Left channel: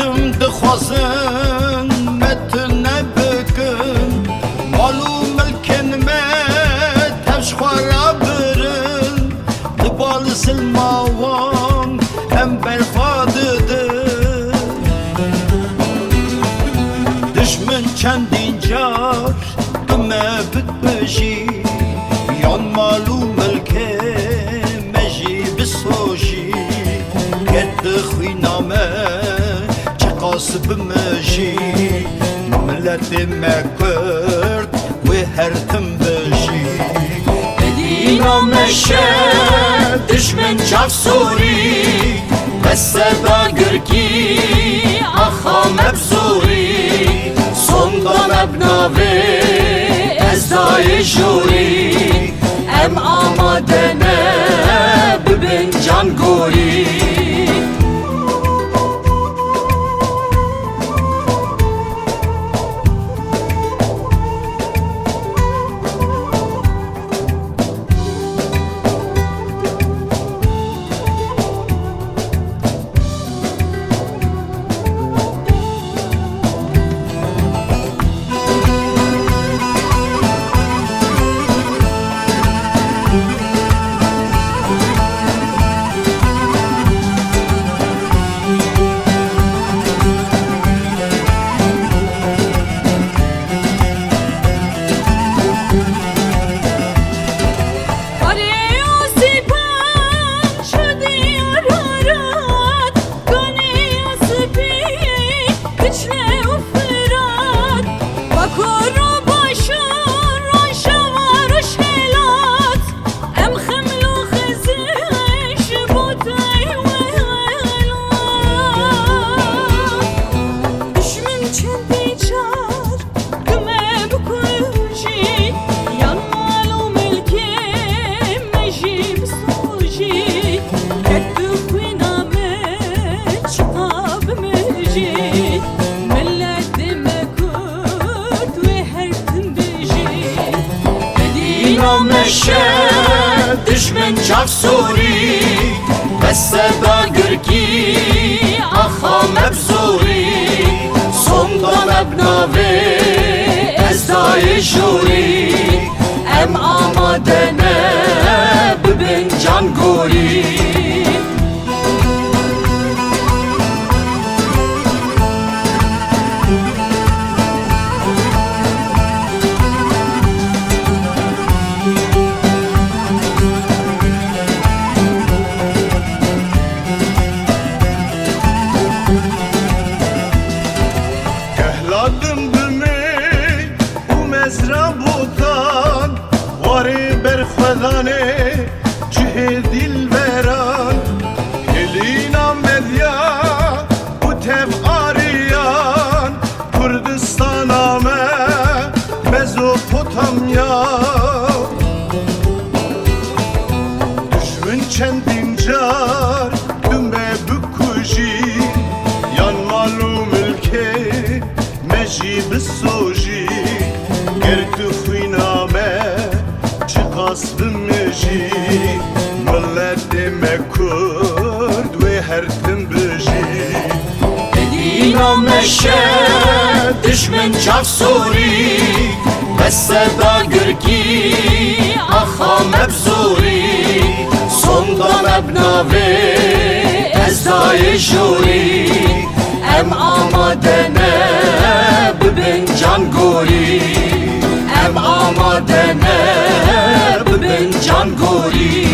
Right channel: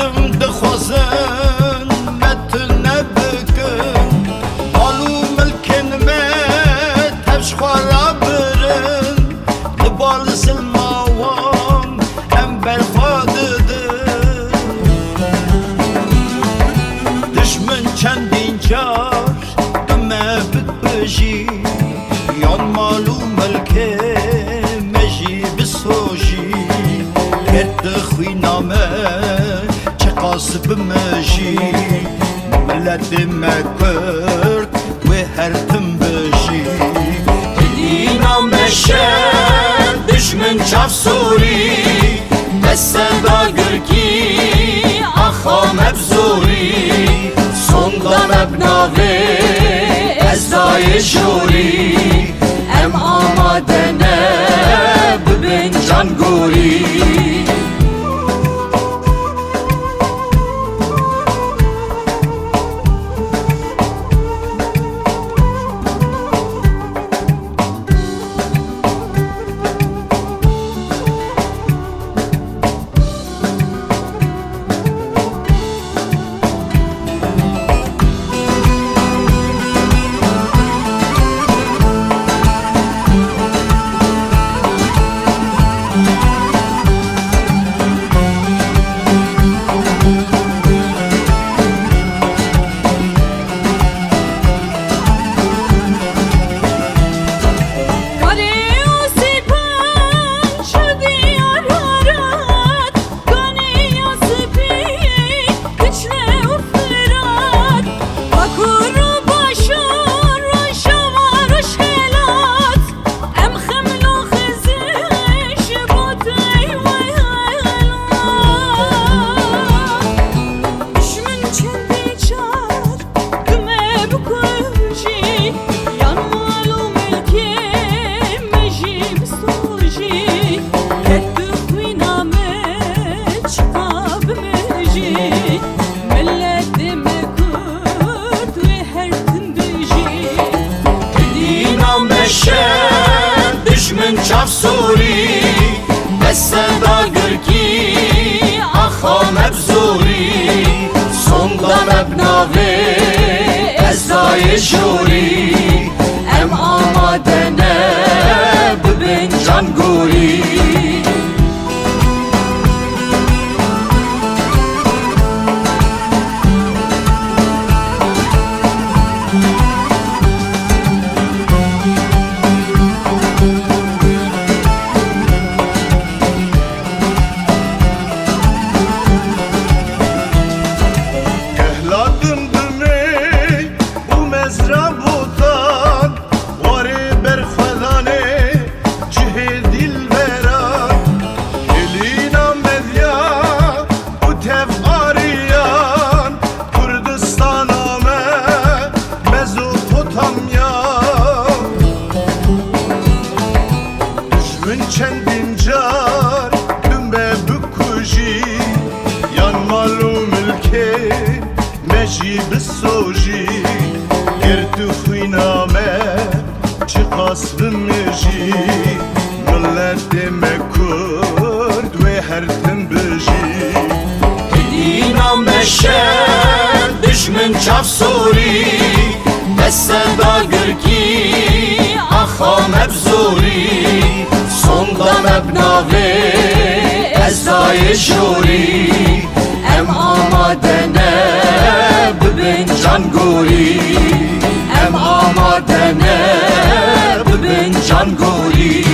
تم دخوازن متن بکن مالو ملکن مت هفش خوارا برن لبال سلماوان ام برخوادده دشمن چندین جار دمه بکبجی یان مالو ملکه مجی بسوجی گرد خوی نامه چه قاسب مجی ملت مکرد و هر تم بجی اینا مشه دشمن چاف سوری بس صدا گرکی آخا مبزوری sonda mebnave ezayı juri em amadene bibin can gori meşe düşmün çaf suri bes seda gürki axa mebzuri sonda mebnave ezayı juri em amadene bibin can gori Ladım düme u mezra botan Vari berxvedane cihê dilveran Helîna medya u tev ariyan Kurdistana me Mezopotamya Düşmün çendin car dümbe bükujî Yan malum ülke مجی بسوجی گرد خوینامه چی قصب مجی ملت مکرد و هر تم بجی اینا مشه دشمن چاف سوری بس صدا گرکی آخا مبزوری sonda mebnave ezayı juri em amadene bibin can gori em amadene bibin can gori